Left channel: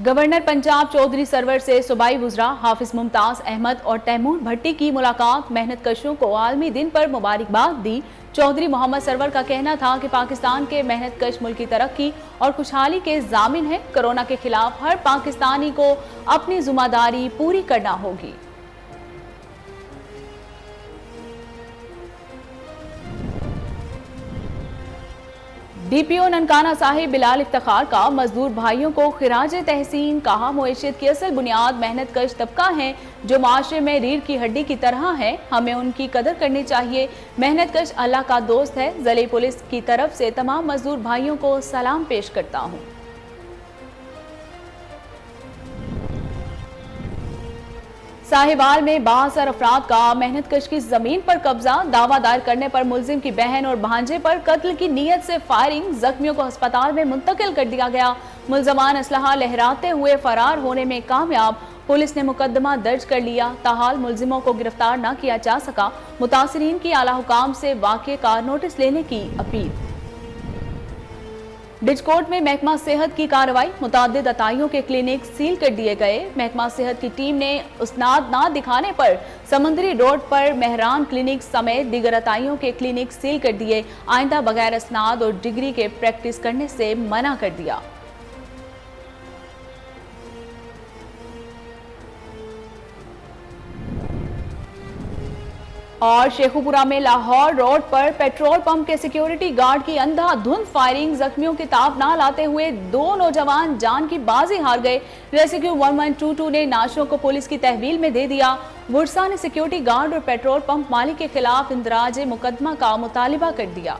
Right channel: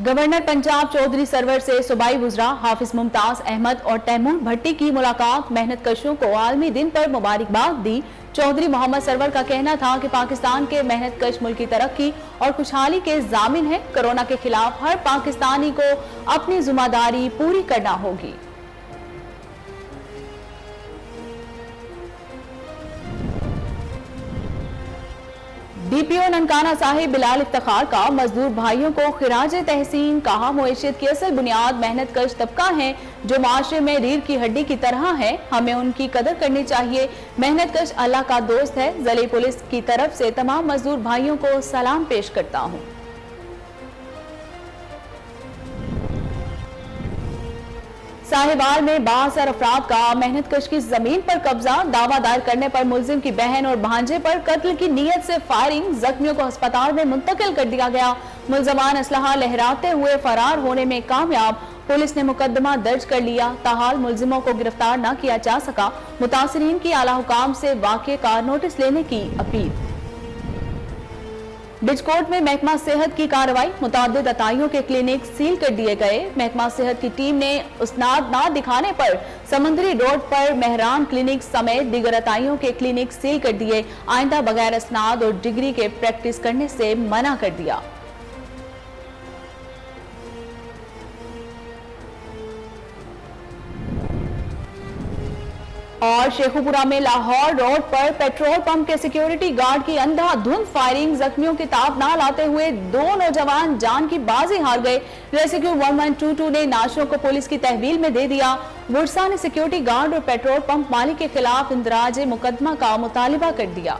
Governor Punjab Chaudhry Sarwar से सूबाई वुज़रा हाफिज मुमताज अहमद और तैमूर भट्टी की मुलाकात। मेहनत कशों को आलमी दिन पर मुबारकबाद दी। चौधरी मोहम्मद सरवर का कहना था कि पाकिस्तान के मेहनत कश मुल्क की तरक्की और खुशहाली के जामिन है। कोरोना के खिलाफ हर पाकिस्तानी को अपनी जिम्मेदारी पूरी करना होगी। डीपीओ ननकाना साहिब बिलाल इफ्तिखार का मजदूर भाइयों को खिराज तहसीन। कहा, मुईशत की असल बुनियाद मेहनत कश तबका है जो माशरे में रीढ़ की हड्डी की तरह है। हमें उनकी कदर करनी चाहिए। मेहनत कश अल्लाह का दोस्त है। ज़िले पुलिस की तरफ से तमाम मजदूर भाइयों को सलाम पेश करता हूँ। साहिवाल में बासर अफराद का मेहनत कश की जमीन पर कब्जा। दावा दायर करने पर मुलजिम की बहन और भांजे पर कत्ल की नीयत से फायरिंग। जख्मियों को अस्पताल में मुंतकिल कर दिया गया। मुलजमान असलहा लहराते हुए फरार होने में कामयाब। पुलिस ने मुकदमा दर्ज कर लिया। ताहाल मुलजिमों को गिरफ्तार न किया जा सका। मुतासरीन की आला हुकाम से वाक़े का नोटिस लेने की अपील। डिजकोट में महकमा सेहत की कार्रवाई। मुतादिद अताइयों के क्लिनिक सील कर दिए गए। महकमा सेहत की टीम ने उसनाद ना दिखाने पर समंदरी रोड पर मेहरान क्लिनिक समेत दीगर अताइयों के क्लिनिक सील कर दिए। आइंदा बगैर असनाद और डिग्री के प्रैक्टिस करने से मना कर दिया। और शेखुपुरा में लाहौर रोड पर पेट्रोल पंप के सिक्योरिटी गार्ड की अंधाधुंध फायरिंग। जख्मियों की ताब ना लाते हुए दो नौजवान जान की बाजी हार गए। रेस्क्यू 1122 ने नाशों को पुलिस की तहवील में दे दिया। बुरसा ने सिक्योरिटी गार्ड और पेट्रोल पंप मालिक के खिलाफ इंदराज मुकदमा का मुतालिबा कर दिया।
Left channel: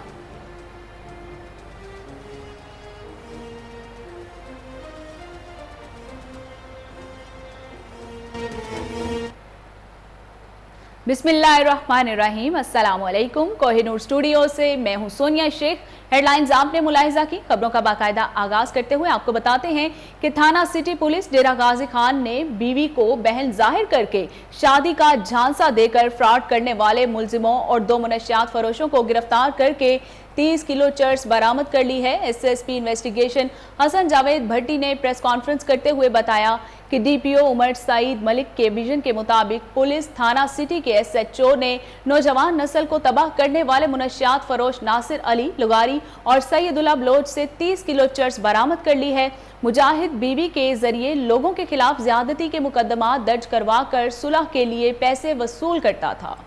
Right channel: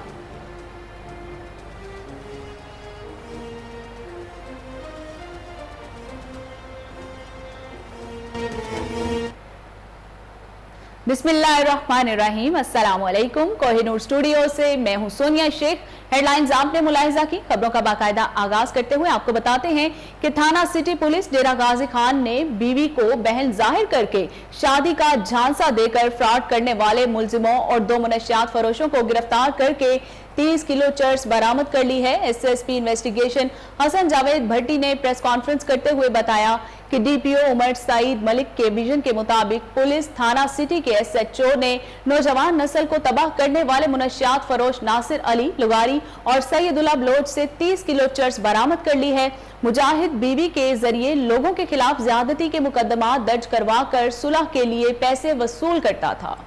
बिस्मिल्लाहिर्रहमानिर्रहीम। अस्सलाम वालेकुम। कोहिनूर स्टूडियो से मैं हूं सोनिया शेख। हेडलाइंस आपने मुलाहिजा की। खबरों का बाकायदा आगाज करते हुए आपको बताते हैं कि थाना सिटी पुलिस डेरा गाजी खान ने बीवी को बहन जाहिर करके शादी का झांसा देकर फ्रॉड करने वाले मुलजिमों और दो मुनशियात फरोशों को गिरफ्तार करके 30 किलो चर्स बरामद कर ली है। एसएसपी इन्वेस्टिगेशन हसन जावेद भट्टी ने प्रेस कॉन्फ्रेंस करते हुए बताया कि डीपीओ उमर सईद मलिक के विजन के मुताबिक पुलिस थाना सिटी के एसएचओ ने नौजवान नस्ल को तबाह करने वाले मुनशियात फरोश नासिर अली लुगारी और सैयदुल्लाह बलोच से 30 किलो चर्स बरामद कर ली है। मुजाहिद बीवी के जरिए लोगों के खिलाफ ज्यादती के मुकदमा दर्ज करवा कर सुलह के लिए पैसे वसूल करता था।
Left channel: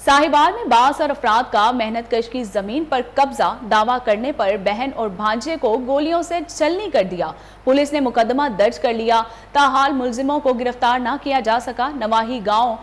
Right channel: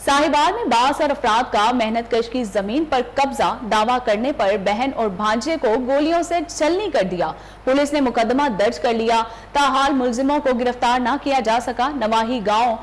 साहिवाल में बासर अफराद का मेहनत कश की जमीन पर कब्जा। दावा करने पर बहन और भांजे को गोलियों से छलनी कर दिया। पुलिस ने मुकदमा दर्ज कर लिया। ताहाल मुलजिमों को गिरफ्तार न किया जा सका। नवाही गांव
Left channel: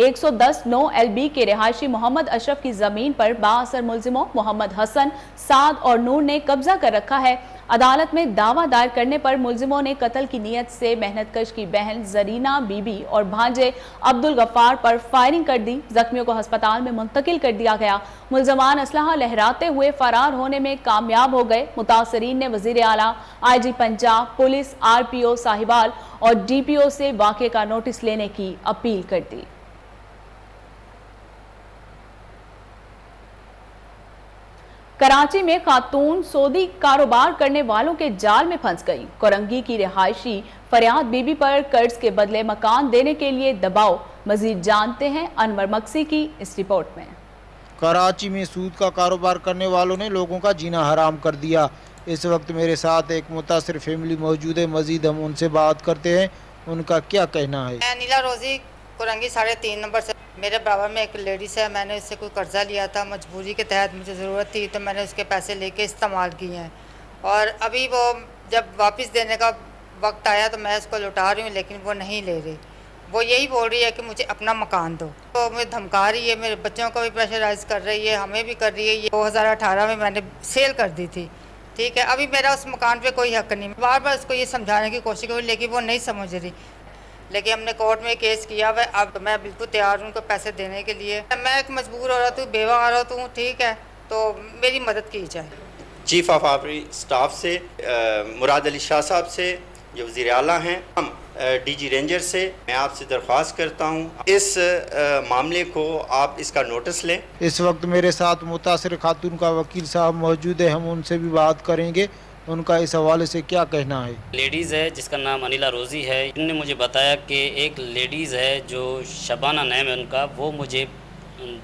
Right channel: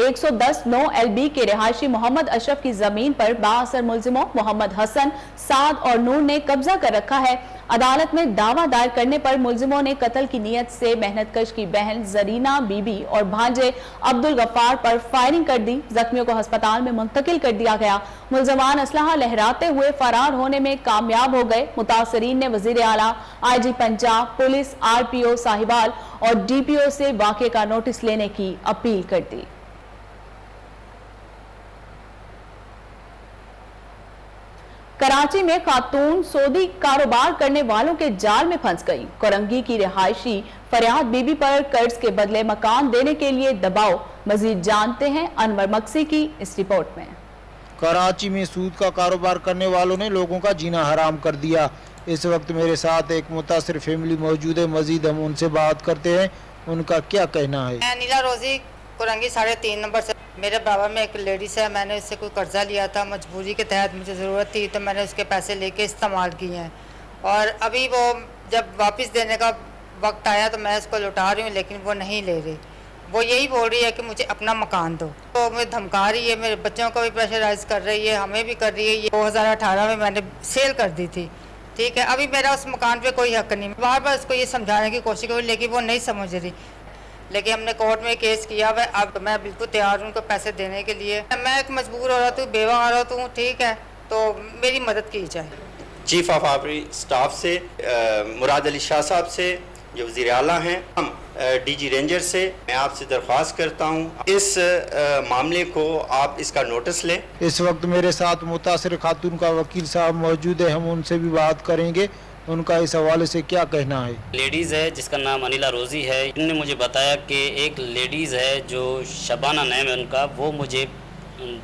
110 9 LB के रिहायशी मोहम्मद अशरफ की जमीन पर बासर मुलजिमों मोहम्मद हसन, साद और नूर ने कब्जा कर रखा है। अदालत में दावा दायर करने पर मुलजिमों ने कत्ल की नीयत से मेहनत कश की बहन जरीना बीबी और भांजे अब्दुल गफ्फार पर फायरिंग कर दी। जख्मियों को अस्पताल में मुंतकिल कर दिया गया। मुलजमान असलहा लहराते हुए फरार होने में कामयाब हो गए। मुतासरीन ने वजीर आला, IG Punjab, police, RPO Sahiwal और DPO से वाक़े का नोटिस लेने की अपील कर दी। कराची में खातून सऊदी कारोबार करने वालों के जाल में फंस गई। कोरंगी की रिहायशी फरियाद बीबी पर कर्ज के बदले मकान देने के लिए दबाव। मजीद जानते हैं अनवर मक्सी की इस रिपोर्ट में। कराची में सूद का कारोबार करने वालों ने लोगों का जीना हराम कर दिया। इस वक्त मेरे साथ एक मुतासिर फैमिली मौजूद है। मजीद हम उनसे बात करते हैं, उनका क्या कहना है। मैं नीला रोजी कोरंगी 3.5 नंबर से। मेरे बराबर में एक लेडीज है। मैंने इससे कोई कर्जा लिया था, मजबूरी के तहत मुझे ज़रूरत थी तो मैंने उसके पैसे लेके इस्तेमाल किए हैं। और अभी वो जब वापस देने का वक्त आया तो मैं उसको लौटा रही हूँ, लेकिन वो नहीं ले रही। वो यही बोल रही है कि मुझे अपना मकान दो। तो मुझे धमका रही है, मेरे बच्चों को भी प्रेशराइज कर रही है, हमें भी कर रही है। ये 2018 में मैंने सेल कर दी थी, ठीक है। अभी मेरा उस मकान पे कोई हक नहीं। बार बार उसको ये समझाने की कोशिश करी लेकिन वो नहीं समझ रही। लेकिन हमने कोर्ट में केस किया हुआ। अब मैं बिल्कुल तैयार हूँ उनको पैसे देने के लिए। मैं एक मजबूर औरत हूँ, बेवा औरत हूँ, ठीक है, तो मेरी मदद की जाए। चीफ ऑफ आर्मी स्टाफ से मुराद अली शाह साहब से, जो वज़ीर आला हैं, हम DG रेंजर से मैं आपसे दरख्वास्त करता हूँ इस मामले को आप इसका नोटिस लें। इस वक्त मेरे साथ मुतासिर खातून का वकील साहब मौजूद है, हम उनसे भी बात करेंगे। उनका इस हवाले से क्या कहना है? लेडीज़ है जिसका नाम अनिला रोज़ी है। इन्होंने मुझे बताया कि एक लेडीज़ है जो शबाना नाम है उनका, वो मुझे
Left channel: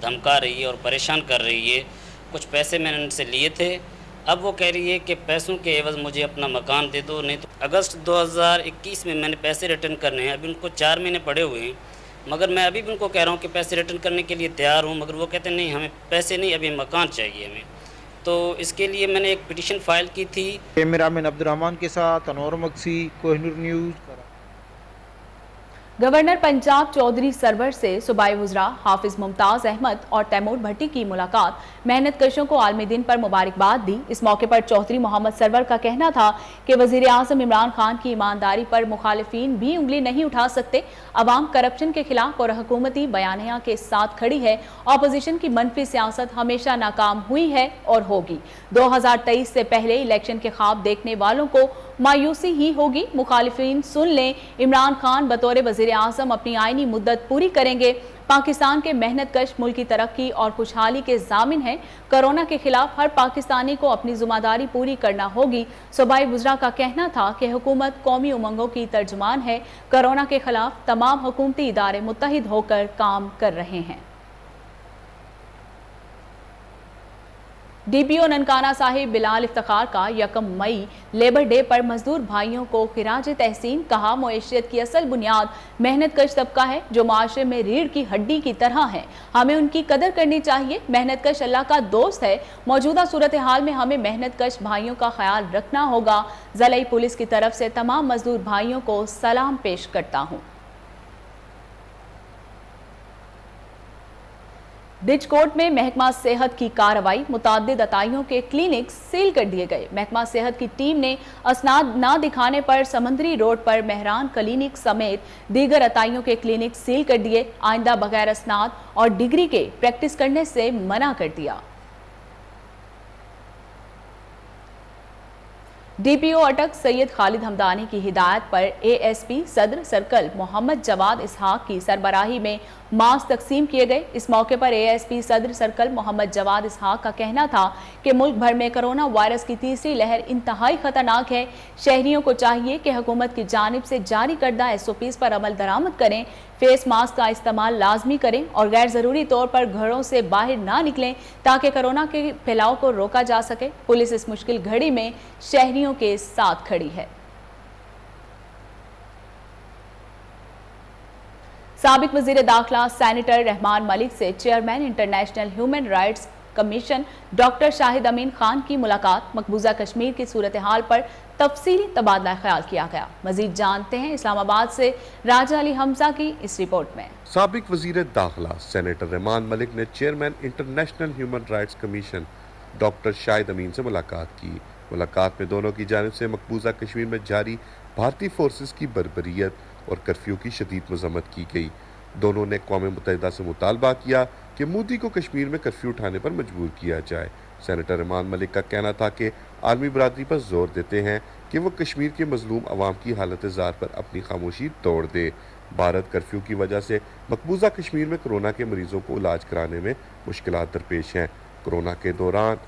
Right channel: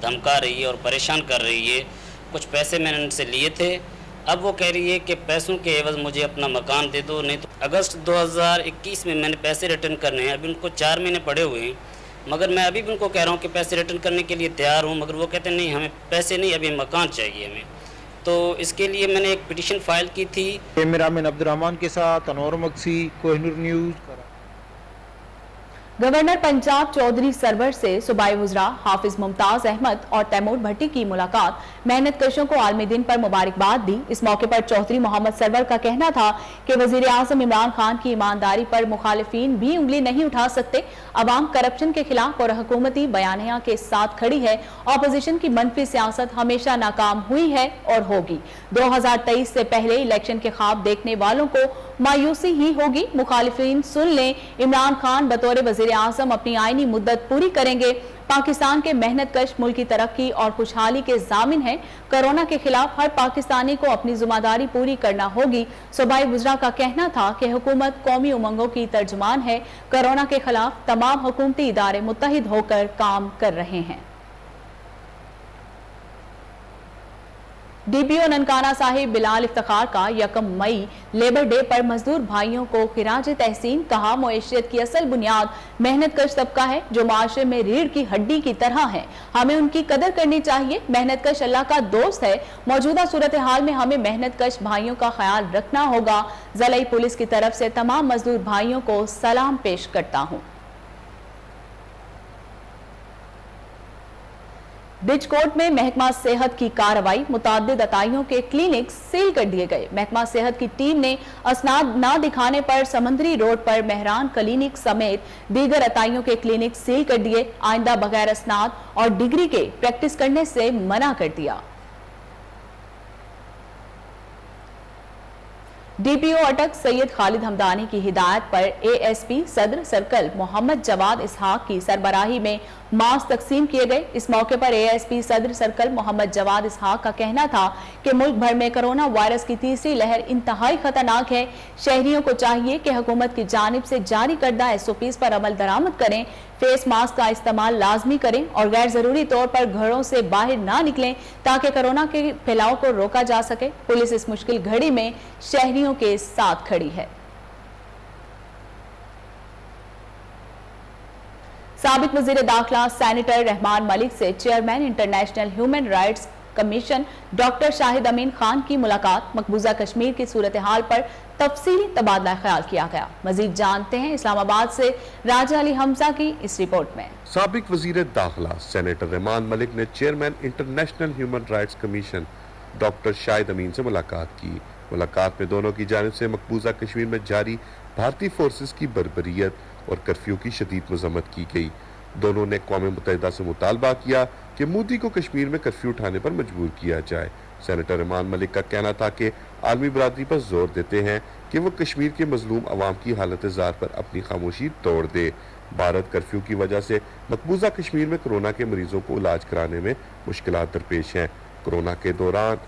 धमका रही है और परेशान कर रही है। कुछ पैसे मैंने उनसे लिए थे, अब वो कह रही है कि पैसों के एवज़ मुझे अपना मकान दे दो, नहीं तो अगस्त 2021 में मैंने पैसे रिटर्न करने हैं। अभी उनको 4 महीने पड़े हुए हैं, मगर मैं अभी भी उनको कह रहा हूँ कि पैसे रिटर्न करने के लिए तैयार हूँ, मगर वो कहते हैं नहीं हमें पैसे नहीं, अभी मकान चाहिए हमें। तो इसके लिए मैंने एक पिटीशन फाइल की थी। कैमरामैन अब्दुर्रहमान के साथ अनवर मक्सी, कोहिनूर न्यूज़। गवर्नर पंजाब चौधरी सरवर से सूबाई वज़रा हाफिज मुमताज अहमद और तैमूर भट्टी की मुलाकात। मेहनत कशों को आलमी दिन पर मुबारकबाद दी। इस मौके पर चौधरी मोहम्मद सरवर का कहना था कि वजीर आज़म इमरान खान की ईमानदारी पर मुखालिफिन भी उंगली नहीं उठा सकते। अवाम करप्शन के खिलाफ और हुकूमती बयानिया के साथ खड़ी है। अपोजिशन की मनफी सियासत हमेशा नाकाम हुई है और होगी। 2023 से पहले इलेक्शन के ख्वाब देखने वालों को मायूसी ही होगी। मुखालिफिन सुन लें, इमरान खान बतौर वजीर आज़म अपनी आईनी मुद्दत पूरी करेंगे। पाकिस्तान के मेहनत कश मुल्क की तरक्की और खुशहाली के जामिन है। कोरोना के खिलाफ हर पाकिस्तानी को अपनी जिम्मेदारी पूरी करना होगी। सूबाई वज़रा का कहना था कि हुकूमत कौमी उमंगों की तर्जुमान है। कोरोना के खिलाफ तमाम हुकूमती इदारे मुत्तहिद होकर काम कर रहे हैं। डीपीओ ननकाना साहिब बिलाल इफ्तिखार का 1 मई लेबर डे पर मजदूर भाइयों को खिराज तहसीन कहा। मुआशरत की असल बुनियाद मेहनत कश तबका है जो माशरे में रीढ़ की हड्डी की तरह है। हमें उनकी कदर करनी चाहिए। मेहनत कश अल्लाह का दोस्त है। मौजूदा सूरत हाल में हमें मेहनत कश भाइयों का ख्याल रखना होगा। ज़िला पुलिस की तरफ से तमाम मजदूर भाइयों को सलाम पेश करता हूँ। डिजकोट में महकमा सेहत की कार्रवाई। मुताद्दिद अताइयों के क्लिनिक सील कर दिए गए। महकमा सेहत की टीम ने असनाद न दिखाने पर समंदरी रोड पर मेहरान क्लिनिक समेत दीगर अताइयों के क्लिनिक सील कर दिए। आइंदा बगैर असनाद और डिग्री के प्रैक्टिस करने से मना कर दिया। डीपीओ अटक सैयद खालिद हमदानी की हिदायत पर एएसपी सदर सर्कल मोहम्मद जवाद इसहाक की सरबराही में मास्क तकसीम किए गए। इस मौके पर एएसपी सदर सर्कल मोहम्मद जवाद इसहाक का कहना था कि मुल्क भर में कोरोना वायरस की तीसरी लहर इंतहाई खतरनाक है। शहरियों को चाहिए कि हुकूमत की जानिब से जारी करदा SOPs पर अमल दरामद करें, फेस मास्क का इस्तेमाल लाजमी करें और गैर जरूरी तौर पर घरों से बाहर ना निकलें ताकि कोरोना के फैलाव को रोका जा सके। पुलिस इस मुश्किल घड़ी में शहरियों के साथ खड़ी है। साबिक वजीर दाखिला सेनेटर रहमान मलिक से chairman international human rights commission doctor Shahid Amin Khan की मुलाकात। मकबूजा कश्मीर की सूरत हाल पर तफसीली तबादला ख्याल किया गया। मजीद जानते हैं इस्लामाबाद से राजा अली हमजा की इस रिपोर्ट में। साबिक वजीर दाखिला सेनेटर रहमान मलिक ने chairman international human rights commission doctor Shahid Amin से मुलाकात की। मुलाकात में दोनों की जानिब से मकबूजा कश्मीर में जारी भारतीय फोर्सेस की बर्बरियत और कर्फ्यू की शदीद मजम्मत की गई। दोनों ने अक़वाम मुत्तहिदा से मुतालबा किया कि मोदी को कश्मीर में कर्फ्यू उठाने पर मजबूर किया जाए। सेनेटर रहमान मलिक का कहना था कि आलमी बरादरी पर जोर देते हैं कि वो कश्मीर के मजलूम अवाम की हालत ज़ार पर अपनी खामोशी तोड़ दे। भारत कर्फ्यू की वजह से मकबूजा कश्मीर में कोरोना के मरीजों को इलाज कराने में मुश्किलात दरपेश हैं। कोरोना के दौरान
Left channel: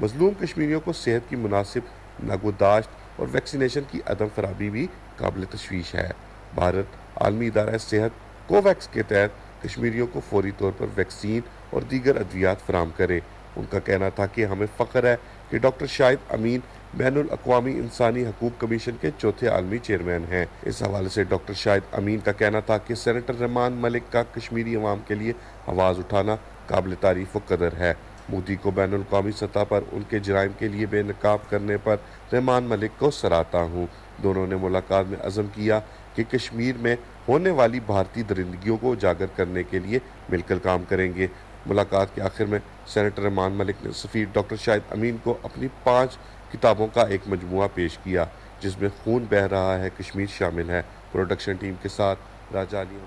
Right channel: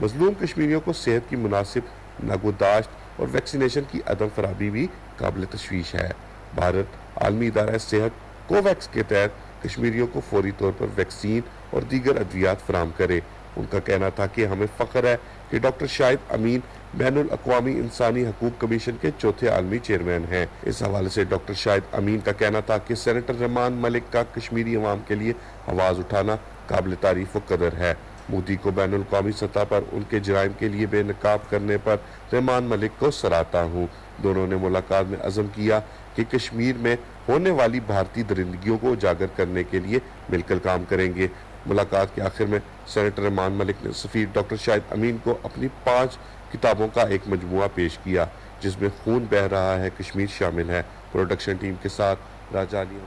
मजलूम कश्मीरियों को सेहत की मुनासिब नगहदाश्त और वैक्सीनेशन की अदम फराहमी भी काबिल तशवीश है। भारत आलमी इदारा सेहत कोवैक्स के तहत कश्मीरियों को फौरी तौर पर वैक्सीन और दीगर अद्वियात फराम करे। उनका कहना था कि हमें फ़ख्र है कि डॉक्टर शाहिद अमीन बैनुल अक़वामी इंसानी हकूक़ कमीशन के चौथे आलमी चेयरमैन हैं। इस हवाले से डॉक्टर शाहिद अमीन का कहना था कि सेनेटर रहमान मलिक का कश्मीरी अवाम के लिए आवाज़ उठाना काबिल तारीफ़ व कदर है। मोदी को बैनुल अक़वामी सतह पर उनके जराइम के लिए बेनकाब करने पर रहमान मलिक को सराहता हूँ। दोनों ने मुलाकात में अज़म किया कि कश्मीर में होने वाली भारतीय दरिंदगियों को उजागर करने के लिए मिलकर काम करेंगे। मुलाकात के आखिर में सेनेटर रहमान मलिक ने सफ़ीर डॉक्टर शाहिद अमीन को अपनी 5 किताबों का एक मजमुआ पेश किया जिसमें खून बह रहा है कश्मीर शामिल है। प्रोडक्शन टीम के साथ राजा अली।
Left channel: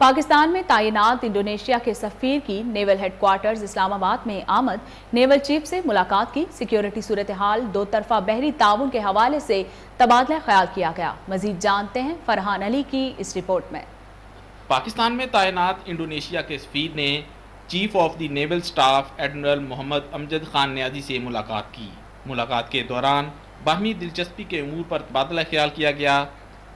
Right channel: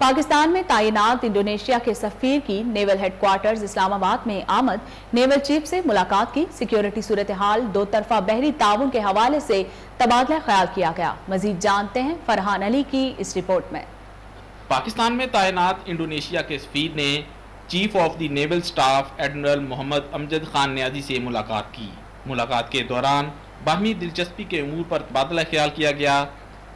पाकिस्तान में तैनात इंडोनेशिया के सफीर की नेवल हेडक्वार्टर्स इस्लामाबाद में आमद। नेवल चीफ से मुलाकात की। सिक्योरिटी सूरत हाल, दो तरफा बहरी ताउन के हवाले से तबादला ख्याल किया गया। मजीद जानते हैं फरहान अली की इस रिपोर्ट में। पाकिस्तान में तैनात इंडोनेशिया के सफीर ने chief of the naval staff admiral Mohammad Amjad Khan Niazi से मुलाकात की। मुलाकात के दौरान बाहमी दिलचस्पी के अमूर पर तबादला ख्याल किया गया।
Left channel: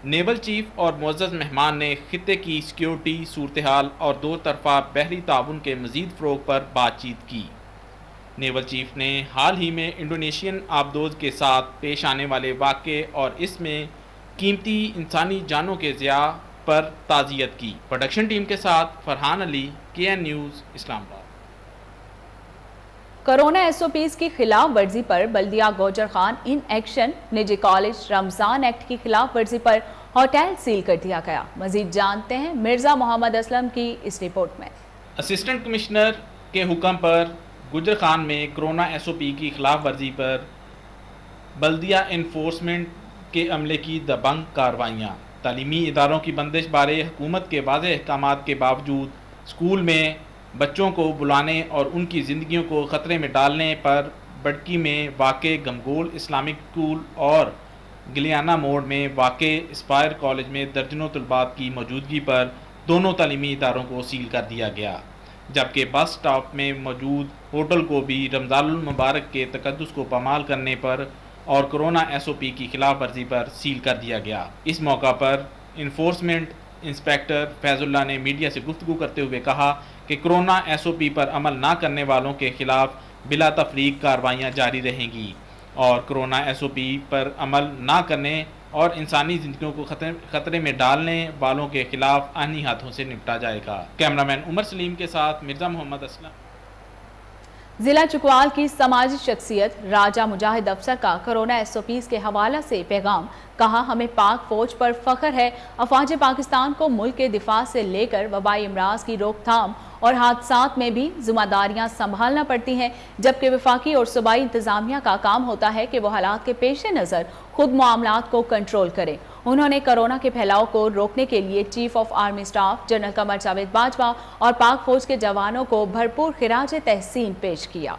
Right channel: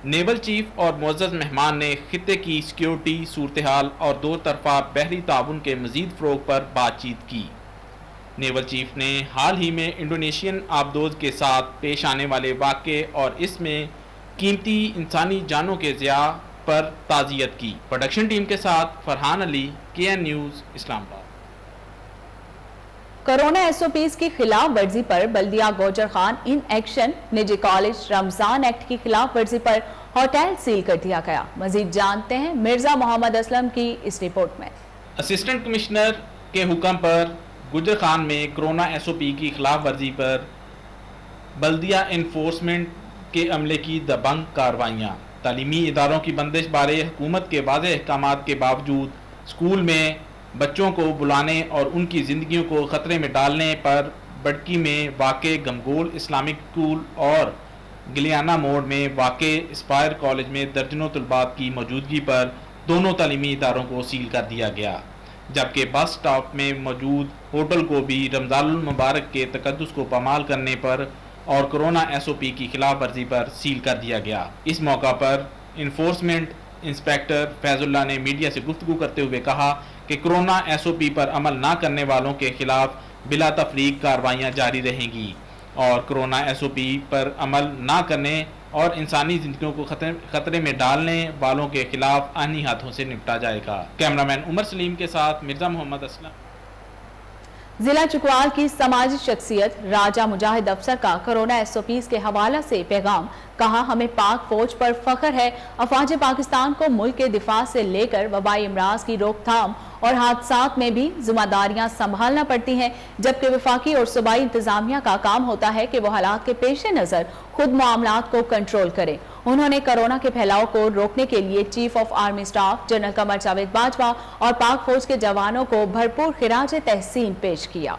नेवल चीफ और मुअज़्ज़ज़ मेहमान ने खित्ते की सिक्योरिटी सूरत हाल और दो तरफा बहरी ताउन के मज़ीद फ़रोग़ पर बातचीत की। नेवल चीफ ने हाल ही में इंडोनेशियन आबदोज के साथ पेश आने वाले वाक़े और इसमें कीमती इंसानी जानों के ज़िया पर ताज़ियत की। प्रोडक्शन टीम के साथ Farhan Ali, KN news, Islamabad. Corona SOPs की खिलाफ वर्जी पर बल्दिया गौजर खान इन एक्शन, निजी कॉलेज रमजान एक्ट की खिलाफ वर्जी पर होटल सील कर दिया गया। मजीद जानते हैं मिर्जा मोहम्मद असलम की इस रिपोर्ट में। असिस्टेंट कमिश्नर के हुक्म पर गुजर खान में कोरोना SOP की खिलाफ वर्जी पर बल्दिया इन्फोर्समेंट के अमले की दबंग कार्रवाइयाँ। तालीमी इदारों की बंदिश बारे हुकूमत के वाज़ेह अहकामात के बावजूद स्कूल में बच्चों को बुलाने और उनकी ज़िंदगियों को ख़तरे में डालने पर बड़की में वाक़े गमगोल इस्लामिक स्कूल और गिलियाना मोड़ में वाक़े एस्पायर कॉलेज में दर्जनों तलबात की मौजूदगी पर दोनों तालीमी इदारों को सील कर दिया गया, जबकि बस स्टॉप में मौजूद होटल को भी रमज़ानुल मुबारक के तकद्दुस को पामाल करने पर और कोरोना SOP की खिलाफ वर्जी पर सील कर दिया गया। इस मौका पर इन्फोर्समेंट इंस्पेक्टर फैजुल्ला ने मीडिया से गुफ्तगू करते हुए कहा कि कोरोना SOP पर अमल न करने वालों के खिलाफ बिला तफरीक कार्रवाइयाँ जारी रहेंगी और कोरोना SOP पर अमल न करने और इंसानी जिंदगियों को खतरे में डालने वालों के खिलाफ आईनी हाथों से निपटा जाएगा। कैमरामैन उमर सलीम के साथ मिर्जा मोहम्मद असलम। जिला चुकवाल की समाजी शख्सियत राजा मुजाहिद अफसर का कोरोना SOPs के हवाले से पैगाम। कहा, हमें पाक फौज पर फख्र है। अफवाज पाकिस्तान को मुल्क के दिफा से लेकर वबाई अमराज की रोकथाम और हादसात में भी जिम्मेदारियां संभालना पड़ती हैं, जबकि वफाकी और सूबाई इंतजामिया का काम होता है कि वो हालात के पेश नज़र खुद मामलात को कंट्रोल करे। उन्होंने कोरोना के फैलाव को रोकने के लिए chief of army staff general Qamar Javed Bajwa और पाक फौज के जवानों को भरपूर खिराज तहसीन पेश किया।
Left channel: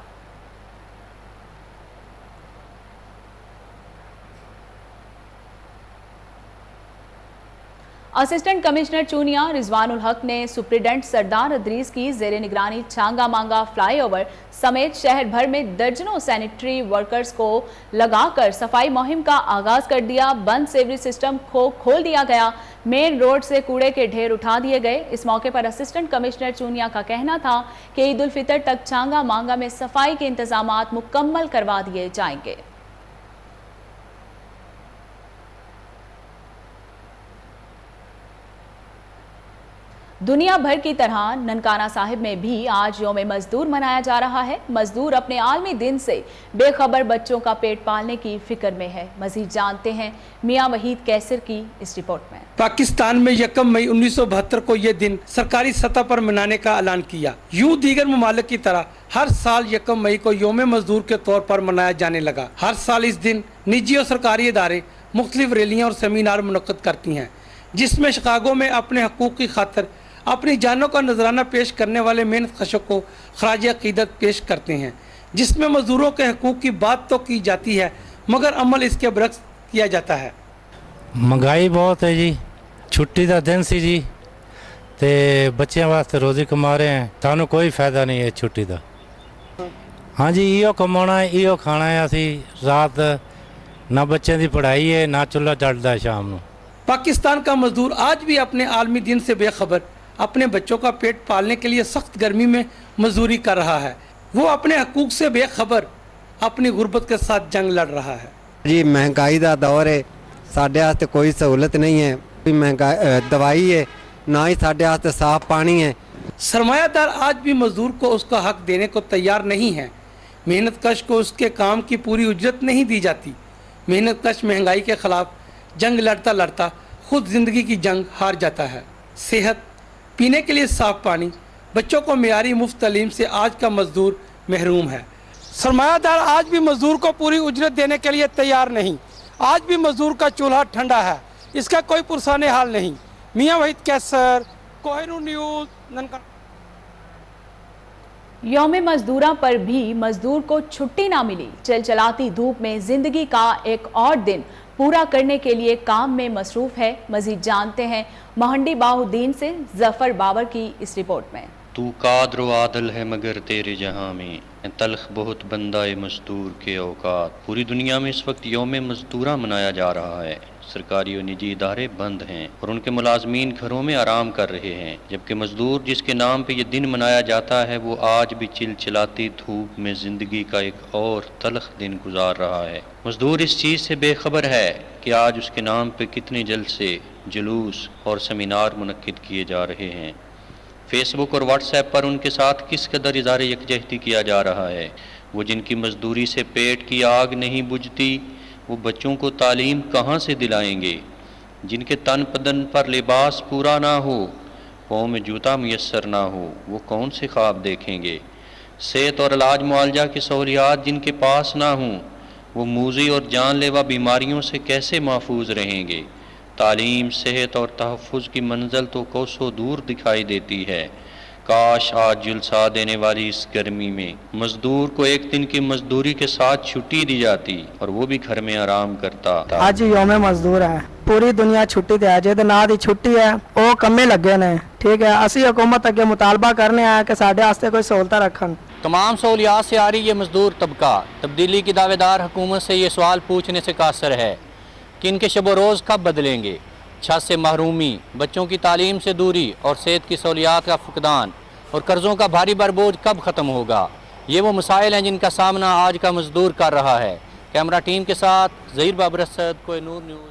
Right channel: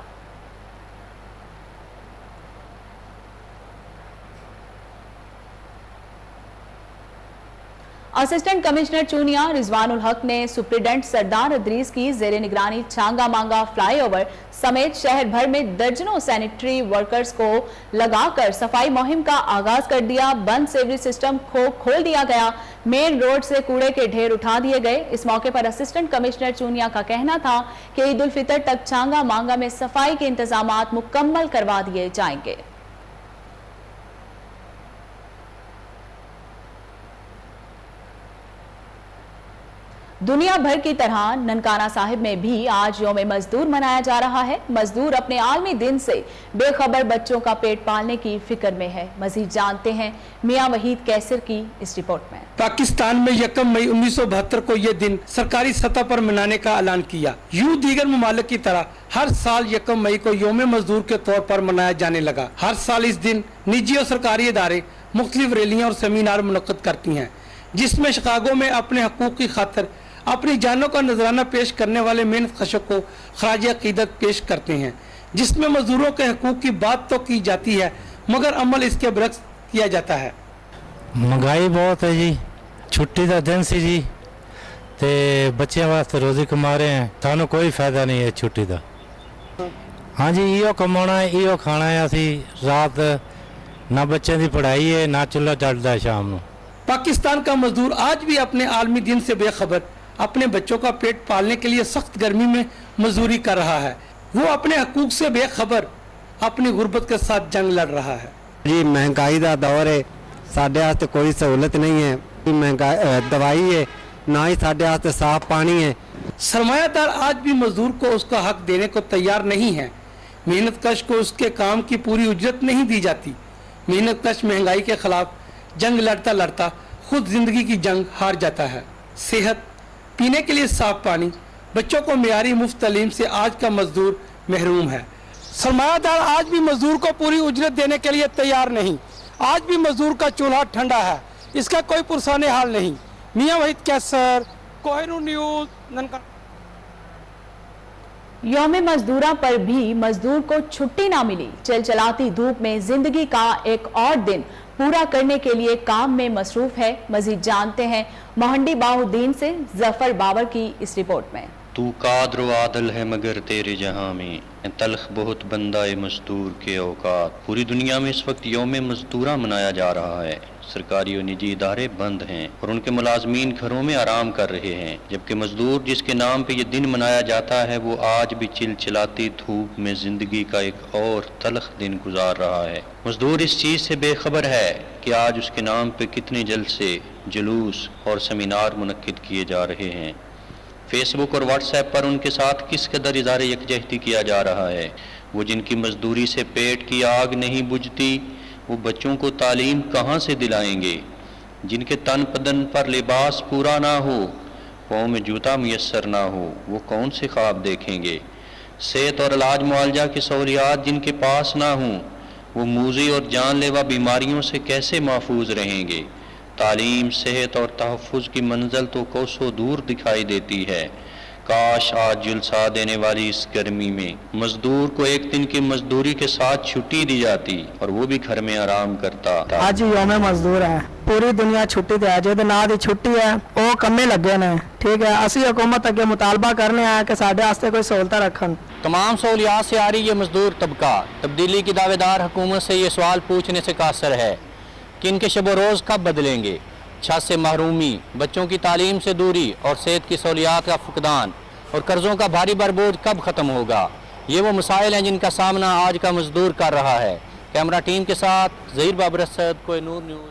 असिस्टेंट कमिश्नर चूनिया रिजवानुल हक ने सुप्रीडेंट सरदार अदरीस की जेर निगरानी छांगा मांगा फ्लाईओवर समेत शहर भर में दर्जनों सैनिटरी वर्कर्स को लगाकर सफाई मुहिम का आगाज कर दिया। बंद सेवरी सिस्टम को खोल दिया गया। मेन रोड से कूड़े के ढेर उठा दिए गए। इस मौके पर असिस्टेंट कमिश्नर चूनिया का कहना था कि ईद उल फितर तक छांगा मांगा में सफाई के इंतजामात मुकम्मल करवा दिए जाएंगे। दुनिया भर की तरह ननकाना साहिब में भी आज यौम मजदूर मनाया जा रहा है। मजदूर अपने आलमी दिन से बेखबर बच्चों का पेट पालने की फिक्र में है। मजीद जानते हैं मियां वहीद कैसर की इस रिपोर्ट में। पाकिस्तान में 1 मई 1972 को ये दिन सरकारी सतह पर मनाने का ऐलान किया। यूं दीगर ममालिक की तरह हर साल 1 मई को यौम मजदूर के तौर पर मनाया जाने लगा। हर साल इस दिन निजी और सरकारी इदारे मुख्तलिफ रैलियां और सेमिनार मुनक्कद करती हैं, जिसमें शिकागो में अपने हकूक की खातिर अपनी जानों का नजराना पेश करने वाले मेहनत कशों को खराज अकीदत पेश करते हैं, जिसमें मजदूरों के हकूक की बात तो की जाती है मगर अमल इसके बरक्स किया जाता है। महंगाई बहुत है जी, छुट्टी का दिन सी जी, ते बच्चों वास्ते रोजी कमा रहे हैं, सानू कोई फायदा नहीं है छुट्टी का। हाँ जी, इो कमाना है, इो खाना है। असी रात ना बच्चों की पढ़ाई है, ना चूल्हा चढ़ता है शाम को। पाकिस्तान का मजदूर आज भी अपने आलमी दिन से बेखबर अपने बच्चों का पेट पालने के लिए सख्त गर्मी में मजदूरी कर रहा है। वो अपने हकूक से बेखबर अपनी गुर्बत के साथ जंग लड़ रहा है। जी महंगाई का दौर है, साढ़े वास्ते कोई सहूलत नहीं है, महंगाई दवाई है, ना ही साढ़े वास्ते साफ पानी है। सरमायादार आज भी मजदूर को उसका हक देने को तैयार नहीं है। मेहनत कश को उसके काम की पूरी उजरत नहीं दी जाती। मेहनत कश महंगाई के खिलाफ जंग लड़ता लड़ता खुद जिंदगी की जंग हार जाता है। सेहत, पीने के लिए साफ पानी, बच्चों को मियारी मुफ्त तालीम से आज का मजदूर महरूम है। सरमायादार आज भी मजदूर को पूरी उजरत देने के लिए तैयार नहीं। आज भी मजदूर का चूल्हा ठंडा है, इसका कोई पुरसाने हाल नहीं। मियां वहीद कैसर, कोहिनूर न्यूज़, ननकाना। यौम मजदूरा पर भी मजदूर को छुट्टी ना मिली। चलचलाती धूप में जिंदगी का एक और दिन पूरा करने के लिए काम में मसरूफ है। मजीद जानते हैं मोहंडी बाहुद्दीन से जफर बाबर की इस रिपोर्ट में। तू कादर आदल है मगर तेरे जहां में तलख बहुत बंदाए मजदूर के औकात। पूरी दुनिया में इस वक्त यौम मजदूरा मनाया जा रहा है। सरकारी और निजी इदारे बंद हैं और उनके मुलाजमीन घरों में आराम कर रहे हैं, जबकि मजदूर जिसके नाम पे ये दिन मनाया जाता है वो आज भी चिलचिलाती धूप में जिंदगी का एक और तलख दिन गुजार रहा है। मजदूर इस चीज़ से बेखबर है कि आज उसके नाम पे कितने जलसे, जुलूस और सेमिनार मुनक्किद किए जा रहे हैं। फेसबुक और व्हाट्सएप पर उनके साथ किस कदर इज़हार यकजहती किया जा रहा है। वो जिनकी मजदूरी से पेट की आग नहीं बुझती, वो बच्चों को तालीम कहाँ से दिलाएंगे। जिनके तन बदन पर लिबास पूरा ना हो, पाँव में जूता मुयस्सर ना हो, वो कौन से ख्वाब देखेंगे। सेहत और इलाज मुआवजा की सहूलियात जिनके पास ना हों, वो मूज़ी और जानलेवा बीमारियों से कैसे महफूज रहेंगे। तालीम, सेहत और तहफ़्फ़ुज़ की मंजिल तो कोसों दूर दिखाई देती है। काश आज जुलसा देने वाली इस गर्मी में मजदूर को एक दिन की मजदूरी के साथ छुट्टी दी जाती और वो भी घर में आराम करता। ਅੱਜ ਯੌਮ ਮਜ਼ਦੂਰ ਹੈ, ਪੂਰੀ ਦੁਨੀਆ ਛੁੱਟੀ ਤੇ ਹੈ। ਜਿਹਦੇ ਨਾਂ ਦੀ ਛੁੱਟੀ ਹੈ ਉਹ ਕੰਮੇ ਲੱਗੇ ਨੇ। ਠੀਕ ਹੈ, ਅਸੀਂ ਹਕੂਮਤ ਅੱਗੇ ਮੁਤਾਲਬਾ ਕਰਨੇ ਆ ਕਿ ਸਾਡੇ ਵਾਸਤੇ ਕੋਈ ਸਹੂਲਤਾਂ ਰੱਖਣ। तमाम सहूलियात से आ रही ये मजदूर तबका तब्दीली की दावेदार हुकूमत से ये सवाल पूछने से कासर है कि इनके शब रोज़ कब बदलेंगे। छत से महरूमी, बच्चों की तालीम से दूरी और सेहत की सहूलियात का फुकदान और कर्ज़ों का भारी बरबोझ कब ख़त्म होगा। ये वो मसाइल हैं जिनका सामना आज का मजदूर कर रहा है। कैमरा टीम के साथ ज़हीर बाबर असद, कोहिनूर न्यूज़।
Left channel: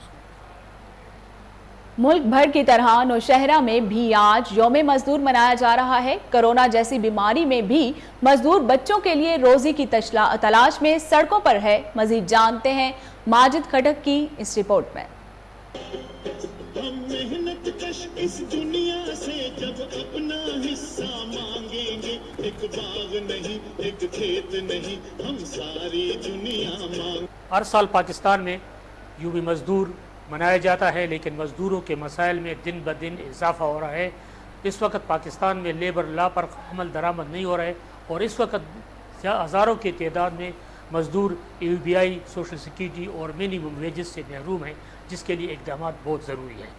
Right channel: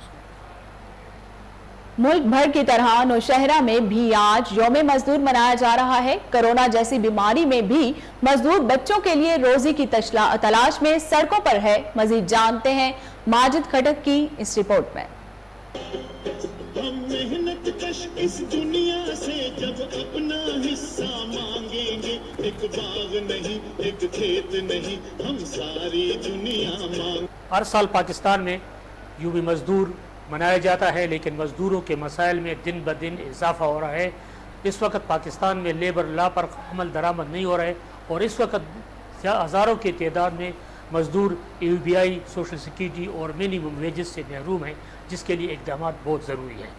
मुल्क भर की तरह नौशहरा में भी आज यौम मजदूर मनाया जा रहा है। कोरोना जैसी बीमारी में भी मजदूर बच्चों के लिए रोजी की तलाश में सड़कों पर है। मजीद जानते हैं माजिद खटक की इस रिपोर्ट में। हम मेहनत कश इस दुनिया से जब अपना हिस्सा मांगेंगे, एक बाग नहीं, एक खेत नहीं, हम सारी दुनिया मांग। हर साल पाकिस्तान में यूं भी मजदूर मनाया जाता है, लेकिन मजदूरों के मसाइल में दिन ब दिन इजाफा हो रहा है। इस वक्त पाकिस्तान में लेबर लॉ पर अमल दरामद नहीं हो रहा है और इस वक्त हज़ारों की तादाद में मजदूर UBI, सोशल सिक्योरिटी और मिनिमम वेजेस से महरूम हैं, जिसके लिए इक़दाम बहुत ज़रूरी है।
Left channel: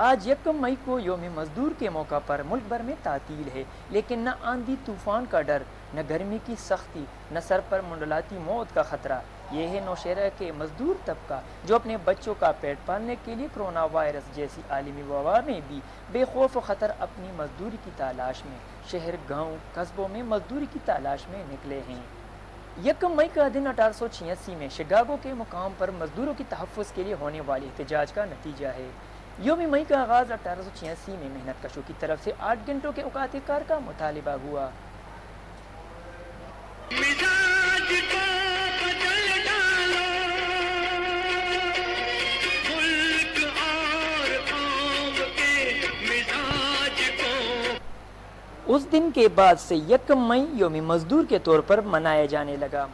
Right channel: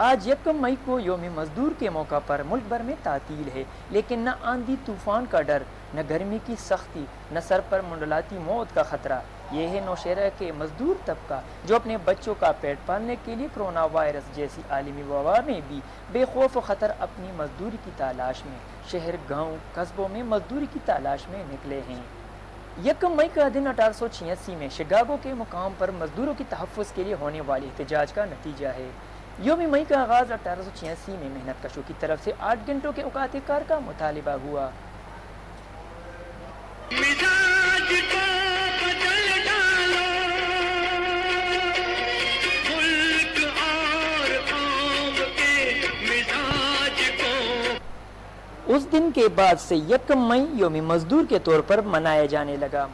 आज 1 मई को यौम मजदूर के मौका पर मुल्क भर में तातील है, लेकिन न आंधी तूफान का डर, न गर्मी की सख्ती, न सर पर मुंडलाती मौत का खतरा। ये है नौशहरा के मजदूर तबका जो अपने बच्चों का पेट पालने के लिए कोरोना वायरस जैसी आलमी वबा में भी बेखौफ खतर अपनी मजदूरी की तलाश में शहर, गाँव, कस्बों में मजदूरी की तलाश में निकले हैं। 1 मई का दिन 1886 में शिकागो के मुकाम पर मजदूरों की तहफ़्फ़ुज़ के लिए होने वाले एहतजाज का नतीजा है। यौम मई का आगाज़ 1886 में मेहनत कशों की तरफ से 8 घंटों के औकात कार का मुतालिबा हुआ। उस दिन के बाद से 1 मई यौम मजदूर के तौर पर मनाया जाने लगा।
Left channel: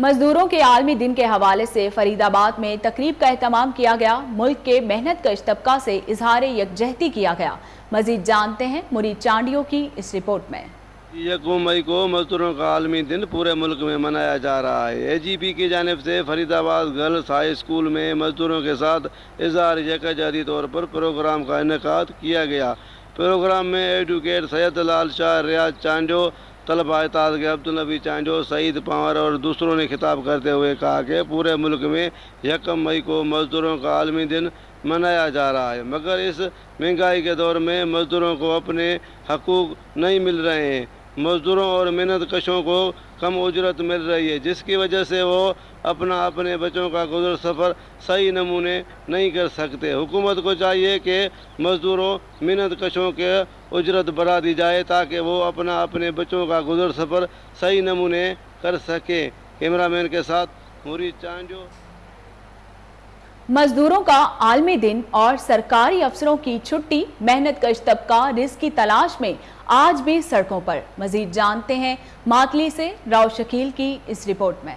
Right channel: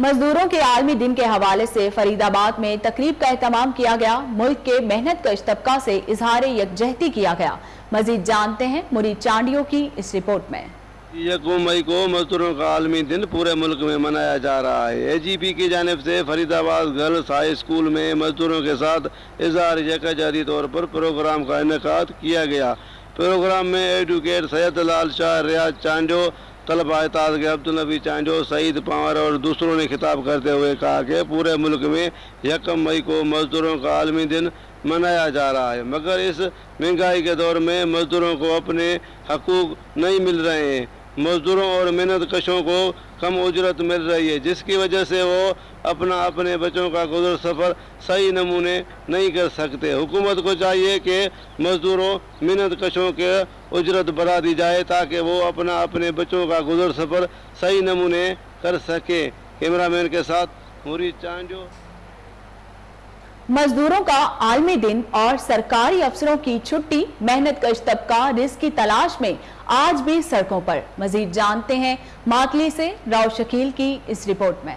मजदूरों के आलमी दिन के हवाले से फरीदाबाद में तकरीब का एहतमाम किया गया। मुल्क के मेहनत कश तबका से इजहार यकजहती किया गया। मजीद जानते हैं मुरीद चांडियों की इस रिपोर्ट में। 1 मई को मजदूरों का आलमी दिन पूरे मुल्क में मनाया जा रहा है। AGP की जानिब से फरीदाबाद गर्ल्स हाई स्कूल में मजदूरों के साथ इजहार यकजहती तौर पर प्रोग्राम का इनेकाद किया गया। प्रोग्राम में एडवोकेट सैयद लाल शाह, रियाज चांजो, तलबा एताज के अब्दुल नबी चांजो, सईद पंवर और दूसरों ने खिताब करते हुए कहा कि पूरे मुल्क में 1 मई को मजदूरों का आलमी दिन मनाया जा रहा है, मगर इस महंगाई के दौर में मजदूरों को अपने हकूक नहीं मिल रहे हैं। मजदूरों और मेहनत कशों को कम उजरत मिल रही है, जिसकी वजह से वो अपने बच्चों का गुजर सफ़र सही नमूने नहीं कर सकते। हुकूमत को चाहिए कि मजदूरों मेहनत कशों के उजरत बढ़ा दी जाए ताकि वो अपने बच्चों का गुजर सफ़र सही नमूने कर सके। कैमरामैन के साथ मुरीद चांजो। मजदूरों का आलमी दिन और सरकारी अफसरों की छुट्टी, मेहनत कश तबका रिज़्क़ की तलाश में आज भी सड़कों पर। मजीद जानते हैं मातली से राव शकील की इस रिपोर्ट में।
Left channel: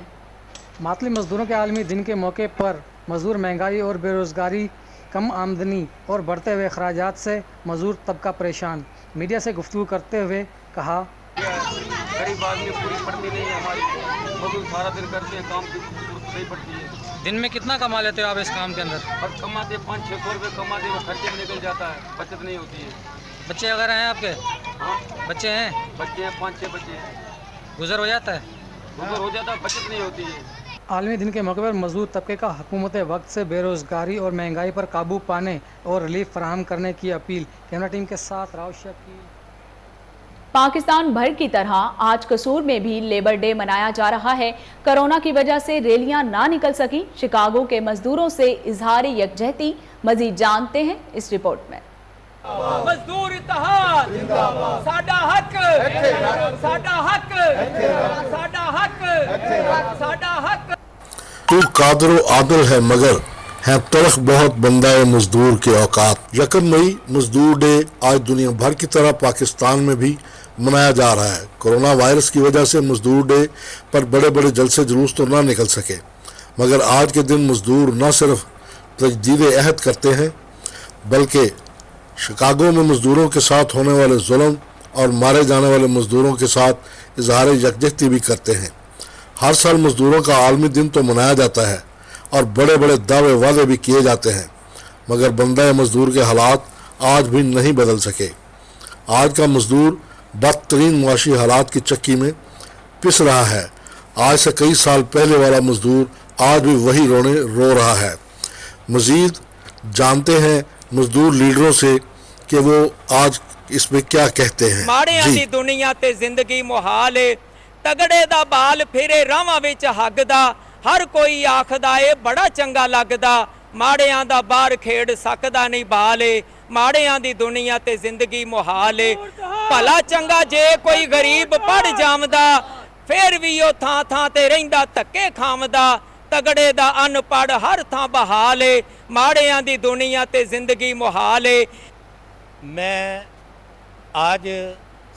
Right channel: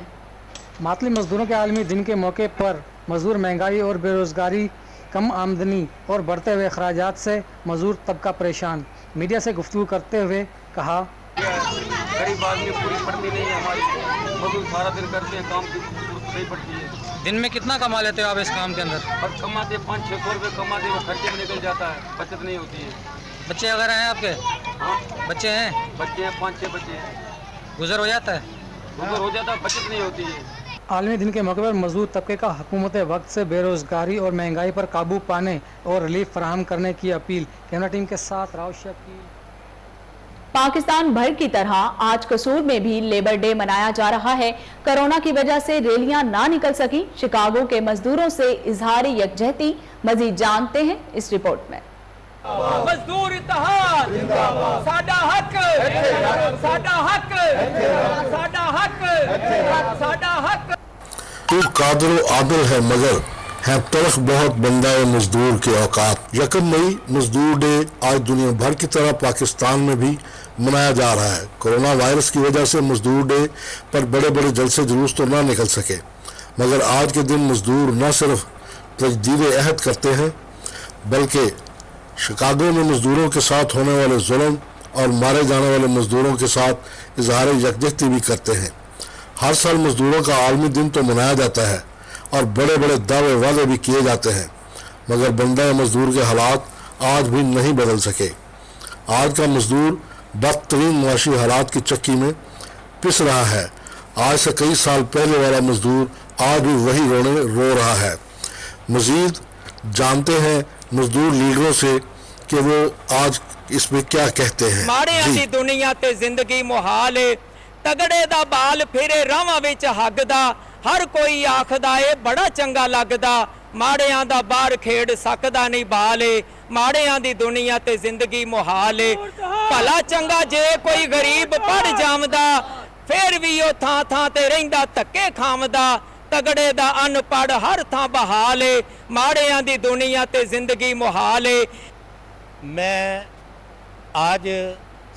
मातली मजदूरों के आलमी दिन के मौके पर मजदूर महंगाई और बेरोजगारी, कम आमदनी और बढ़ते हुए अखराजात से मजदूर तबका परेशान। मीडिया से गुफ्तगू करते हुए कहा, गरीब आदमी पूरी पड़ती नहीं है हमारी, मजदूर सारा दिन करते हैं, काम नहीं पड़ती है। दिन में कितना कमा लेते हो आप इस काम के अंदर? अब कमाते 500-600 रुपये कमाते, वो खर्चे में निकल जाता है, बचत नहीं होती है। बच्चे वगैरह हैं आपके? बच्चे हैं? बच्चे हैं, 5-6 बच्चे हैं। गुजर हो जाता है? गुजर हो जाता है, बचत नहीं होती है। आलमी दिन के मौके पर मजदूर तबके का हुकूमत वक्त से बेरोजगारी और महंगाई पर काबू पाने और रिलीफ फराहम करने की अपील। कैमरा टीम के साथ राव शेख की। पाकिस्तान भर की तरह आज कसूर में भी लेबर डे मनाया जा रहा है। कोरोना की वजह से रैलियां ना निकल सकी। शिकागो के मजदूरों से इजहार यकजहती। मजीद जानते हैं इस रिपोर्ट में। मजदूर इत्तेहाद साडा हक, साडा हक, साडा हक, साडा हक। तू कादर आदल है मगर है तलख बहुत बंदा है मजदूर के औकात। 1 मई मजदूर डे आज दुनिया भर की तरह पाकिस्तान में भी मनाया जा रहा है। कोरोना वायरस की वजह से मजदूर डे पर बड़े बड़े जलसे जुलूस तो ना निकल सके, मगर आज के दिन मजदूर न सिर्फ तजदीद अहद करते हैं बल्कि शिकागो में मजदूरों के साथ होने वाले जुल्म और मारे जाने वाले मजदूरों के साथ इजहार यकजहती भी करते हैं। हर साल मजदूरों का आलमी दिन तो मनाया जाता है और बड़े बड़े दावे वादे भी किए जाते हैं, मगर बंदा मजदूर के हालात आज भी नहीं बदल सके। आज का मजदूर बदतरीन मुआशी हालात की चक्की में पिस रहा है। आज से कई साल पहले वाला मजदूर आज भी वही रो रहा है। मजीद जानते हैं मजदूर लीडरों से कि वो आज इस पे क्या कहते हैं। माड़ियां दी दुनिया ते जिंदगी मुहाल है, तगड़े दा बाल फिरे रावां विच हगदा, हर कोई आखदा ए बड़ा चंगा लगदा, माड़ियां दा बार खेड़ सकदा नहीं बाल है, माड़ियां दी दुनिया ते जिंदगी मुहाल है। भला चंगा जे कोई गरीब पढ़ जावदा, फिर भी ओ थां थां ते रहिंदा धक्के खावदा, तगड़े दा अनपढ़ हर थां बहाल है, माड़ियां दी दुनिया ते जिंदगी मुहाल है। मैं आज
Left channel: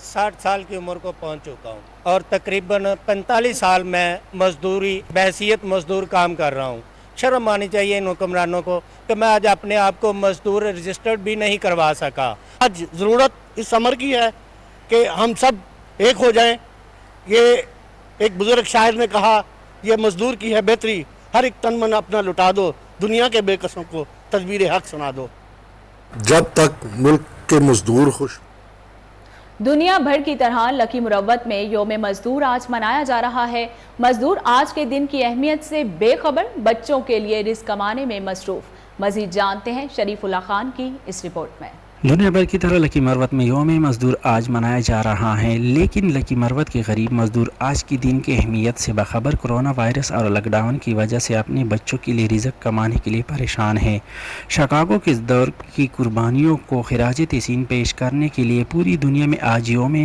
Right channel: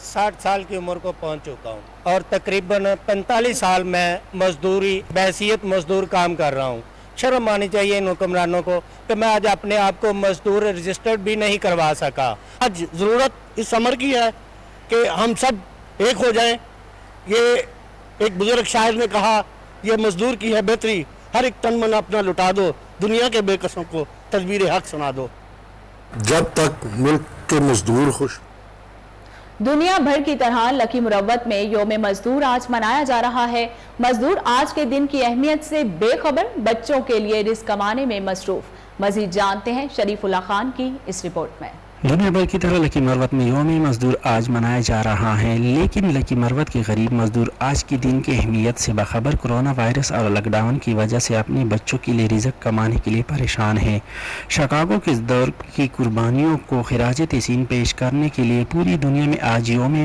60 साल की उम्र को पहुंच चुका हूं और तकरीबन 45 साल मैं मजदूरी बैसियत मजदूर काम कर रहा हूं। शर्म आनी चाहिए इन हुक्मरानों को कि मैं आज अपने आप को मजदूर रजिस्टर्ड भी नहीं करवा सका। आज ज़रूरत इस अमर की है कि हम सब एक हो जाएं। ये एक बुजुर्ग शायर ने कहा, ये मजदूर की है बेहतरी, हर एक तन मन अपना लुटा दो, दुनिया के बेकसों को तदबीर हक सुना दो। जब तक मुल्क के मजदूर खुश। दुनिया भर की तरह लकी मुरव्वत में योम मजदूर आज मनाया जा रहा है। मजदूर आज के दिन की अहमियत से बेखबर, बच्चों के लिए रिस्क कमाने में मसरूफ। मजीद जानते हैं शरीफुल्लाह खान की इस रिपोर्ट में। दुनिया भर की तरह लकी मरवत में योम मजदूर आज मनाया जा रहा है, लेकिन लकी मरवत के गरीब मजदूर आज के दिन की अहमियत से बाखबर कोरोना वायरस और लॉकडाउन की वजह से अपने बच्चों के लिए रिज़्क कमाने के लिए परेशान हैं। शिकागो के इस दौर की कुर्बानियों को खिराज तहसीन पेश करने के लिए पूरी दुनिया में आज योम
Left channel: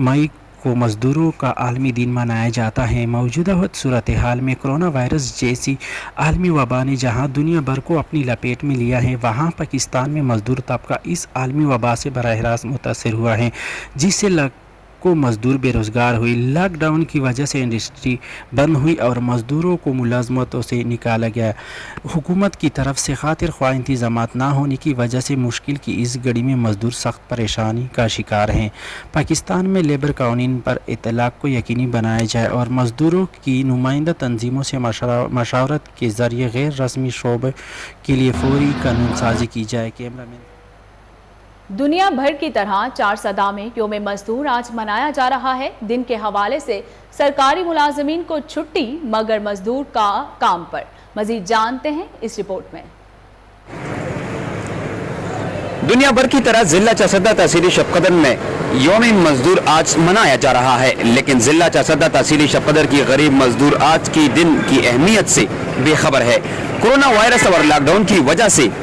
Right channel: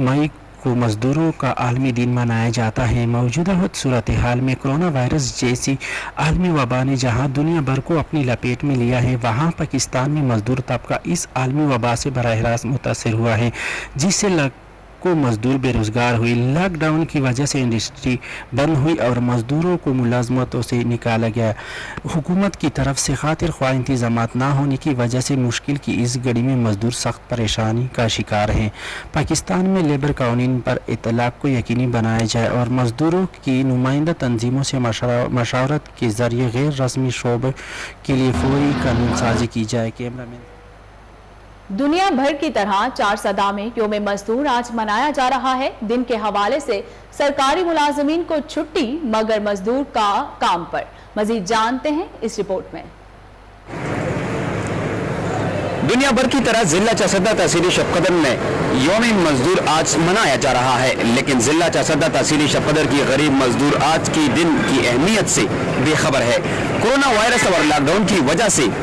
मई को मजदूरों का आलमी दिन मनाया जाता है। मौजूदा सूरत हाल में कोरोना वायरस जैसी आलमी वबा ने जहां दुनिया भर को अपनी लपेट में लिया है, वहां पाकिस्तान में मजदूर तबका इस आलमी वबा से बराह रास्त मुतासर हुआ है, जिससे लाखों मजदूर बेरोजगार हुई। लॉकडाउन की वजह से इंडस्ट्री बंद हुई और मजदूरों को मुलाजमतों से निकाला गया। हुकूमत की तरफ से खातिर ख्वाह इंतजामात ना होने की वजह से मुश्किल की इस घड़ी में मजदूर सख्त परेशानी का शिकार हैं। पाकिस्तान में लेबर कानून पर इतलाक को यकीनी बनाया जाए और मजदूरों की नुमाइंदा तंजीमों से मशावरत के जरिए गैर रस्मी शोबे के लिए फौरी कानून साजी की जाए। कैमरामैन। दुनिया भर की तरह 4 सदा में योम मजदूर आज मनाया जा रहा है। दिन के हवाले से सरकारी मुलाजमीन को छुट्टी, मगर मजदूर का काम पर। मजीद जानते हैं इस रिपोर्ट में। दुनिया भर की तरह जिला चासदा तहसीली शबकदर में योम मजदूर आज मनाया जा रहा है, लेकिन जिला चासदा तहसीली शबकदर की गरीब मजदूर आज की दिन की अहमियत से बेखबर है। कोरोना वायरस और लॉकडाउन की वजह से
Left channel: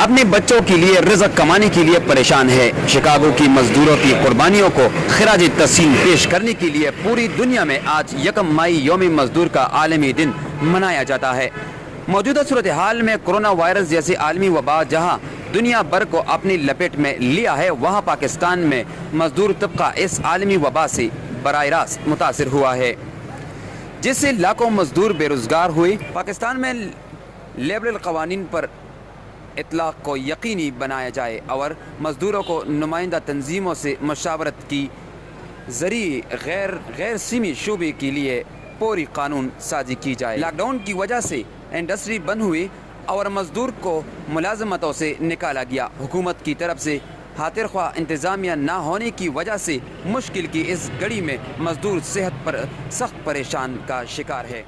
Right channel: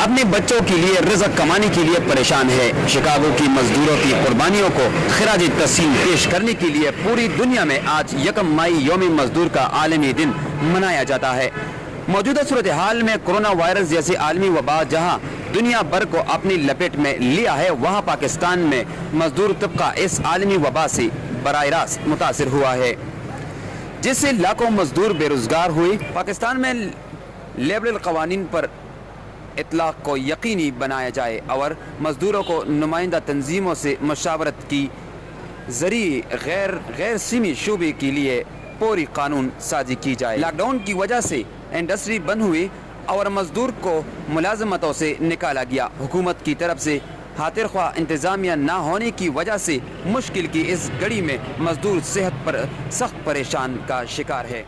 अपने बच्चों के लिए रिज़्क कमाने के लिए परेशान है। शिकागो की मजदूरों की कुर्बानियों को खिराज तहसीन पेश करने के लिए पूरी दुनिया में आज 1 मई योम मजदूर का आलमी दिन मनाया जाता है। मौजूदा सूरत हाल में कोरोना वायरस जैसे आलमी वबा जहां दुनिया भर को अपनी लपेट में लिया है, वहां पाकिस्तान में मजदूर तबका इस आलमी वबा से बराह रास्त मुतासिर हुआ है, जिससे लाखों मजदूर बेरोजगार हुए। पाकिस्तान में लेबरल कवानीन पर इतलाक को यकीनी बनाया जाए और मजदूरों को नुमाइंदा तंजीमों से मशावरत की जरिए गैर सीमी शोबे के लिए पूरी कानून साजी की जाए। लॉकडाउन की वजह से इंडस्ट्री बंद हुई और मजदूर को मुलाजमतों से निकाला गया। हुकूमत की तरफ से خاطر خواہ انتظامیہ نہ ہونے کی وجہ سے مشکل کی اس گھڑی میں مزدور صحت پر سخت پریشان کا شکار ہے۔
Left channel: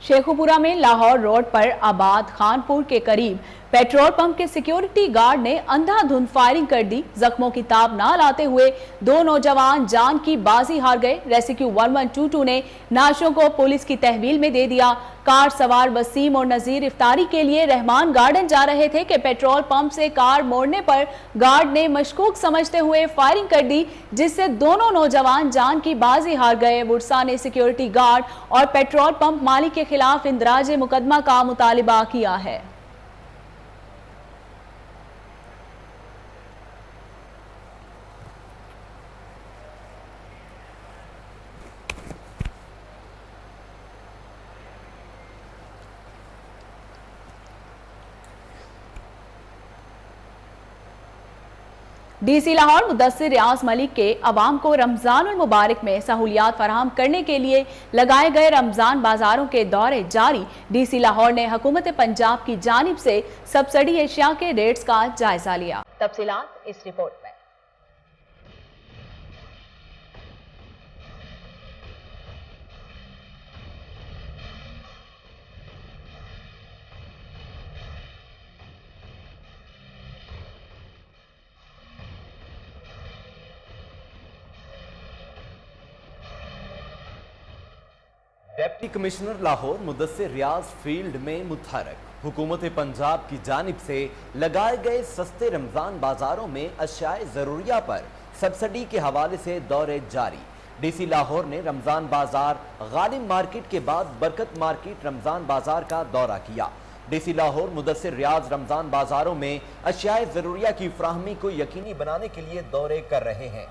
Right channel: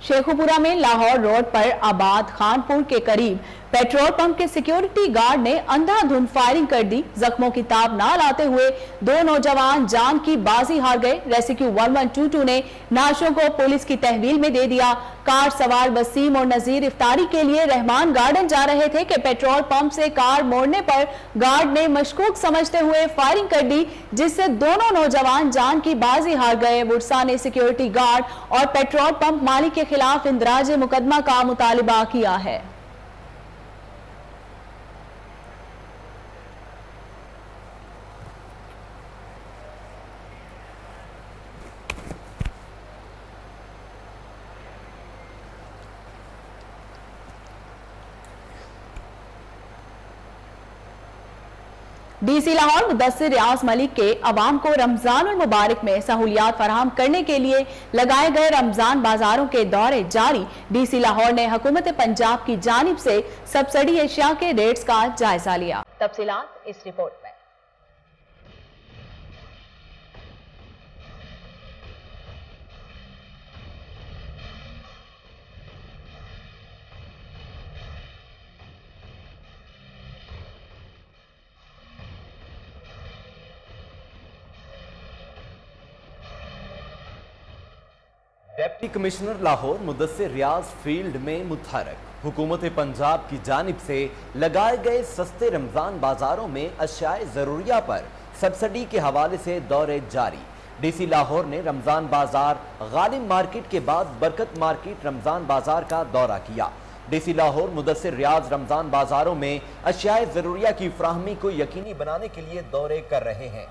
شیخوپورہ میں لاہور روڈ پر آباد خانپور کے قریب پیٹرول پمپ کے سیکیورٹی گارڈ نے اندھا دھند فائرنگ کر دی۔ زخموں کی تاب نہ لاتے ہوئے دو نوجوان جان کی بازی ہار گئے۔ ریسکیو 1122 نے نعشوں کو پولیس کی تحویل میں دے دیا۔ کار سوار وسیم اور نذیر افطاری کے لیے رحمان گارڈن جا رہے تھے کہ پیٹرول پمپ سے کار موڑنے پر گارڈ نے مشکوک سمجھتے ہوئے فائرنگ کر دی، جس سے دونوں نوجوان جان کی بازی ہار گئے۔ وڈسا نے سیکیورٹی گارڈ اور پیٹرول پمپ مالک کے خلاف اندراج مقدمہ کا مطالبہ کیا ہے۔ ڈی سی لاہور مدثر ریاض ملک کے عوام کو رمضان المبارک میں سہولیات فراہم کرنے کے لیے لگائے گئے رمضان بازاروں کے دورے جاری۔ ڈی سی لاہور نے حکومت پنجاب کی جانب سے سبسڈی اشیاء کے ریٹس کا جائزہ لیا۔ تفصیلات اس رپورٹ میں۔ ڈپٹی کمشنر لاہور مدثر ریاض فیلڈ میں متحرک۔ حکومت پنجاب کی جانب سے لگائے گئے سستے رمضان بازاروں میں اشیاء ضروریہ پر سبسڈی کے حوالے سے دورے جاری۔ ڈی سی لاہور نے رمضان بازار غالب مارکیٹ کے بعد برکت مارکیٹ رمضان بازار کا دورہ کیا۔ ڈی سی لاہور مدثر ریاض رمضان بازاروں میں اشیاء ضروریہ کی فراہمی کو یقینی بنانے کے لیے دورے کر رہے ہیں۔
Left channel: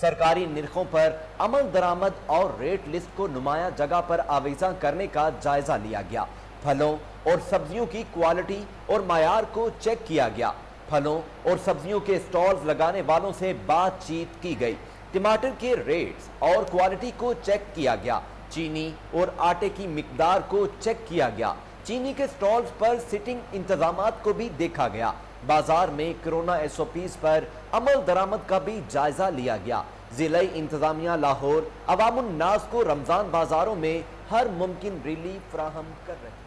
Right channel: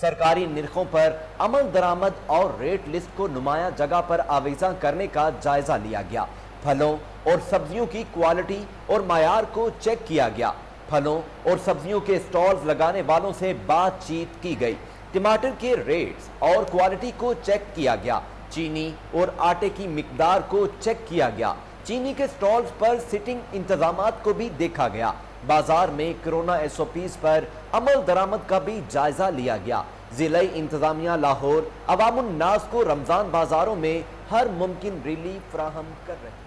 سرکاری نرخوں پر عمل درآمد اور ریٹ لسٹ کو نمایاں جگہ پر آویزاں کرنے کا جائزہ لیا گیا۔ پھلوں اور سبزیوں کی کوالٹی اور معیار کو چیک کیا گیا۔ پھلوں اور سبزیوں کے سٹالز لگانے والوں سے بات چیت کی گئی۔ ٹماٹر کے ریٹس اور کوالٹی کو چیک کیا گیا۔ چینی اور آٹے کی مقدار کو چیک کیا گیا۔ چینی کے سٹالز پر سٹنگ انتظامات کو بھی دیکھا گیا۔ بازار میں کرونا ایس او پیز پر عمل درآمد کا بھی جائزہ لیا گیا۔ ضلعی انتظامیہ لاہور عوام الناس کو رمضان بازاروں میں ہر ممکن ریلیف فراہم کر رہے ہیں۔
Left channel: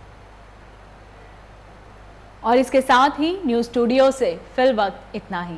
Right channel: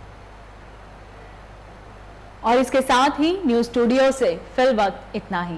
اور اس کے ساتھ ہی نیوز اسٹوڈیو سے فی الوقت اتنا ہی۔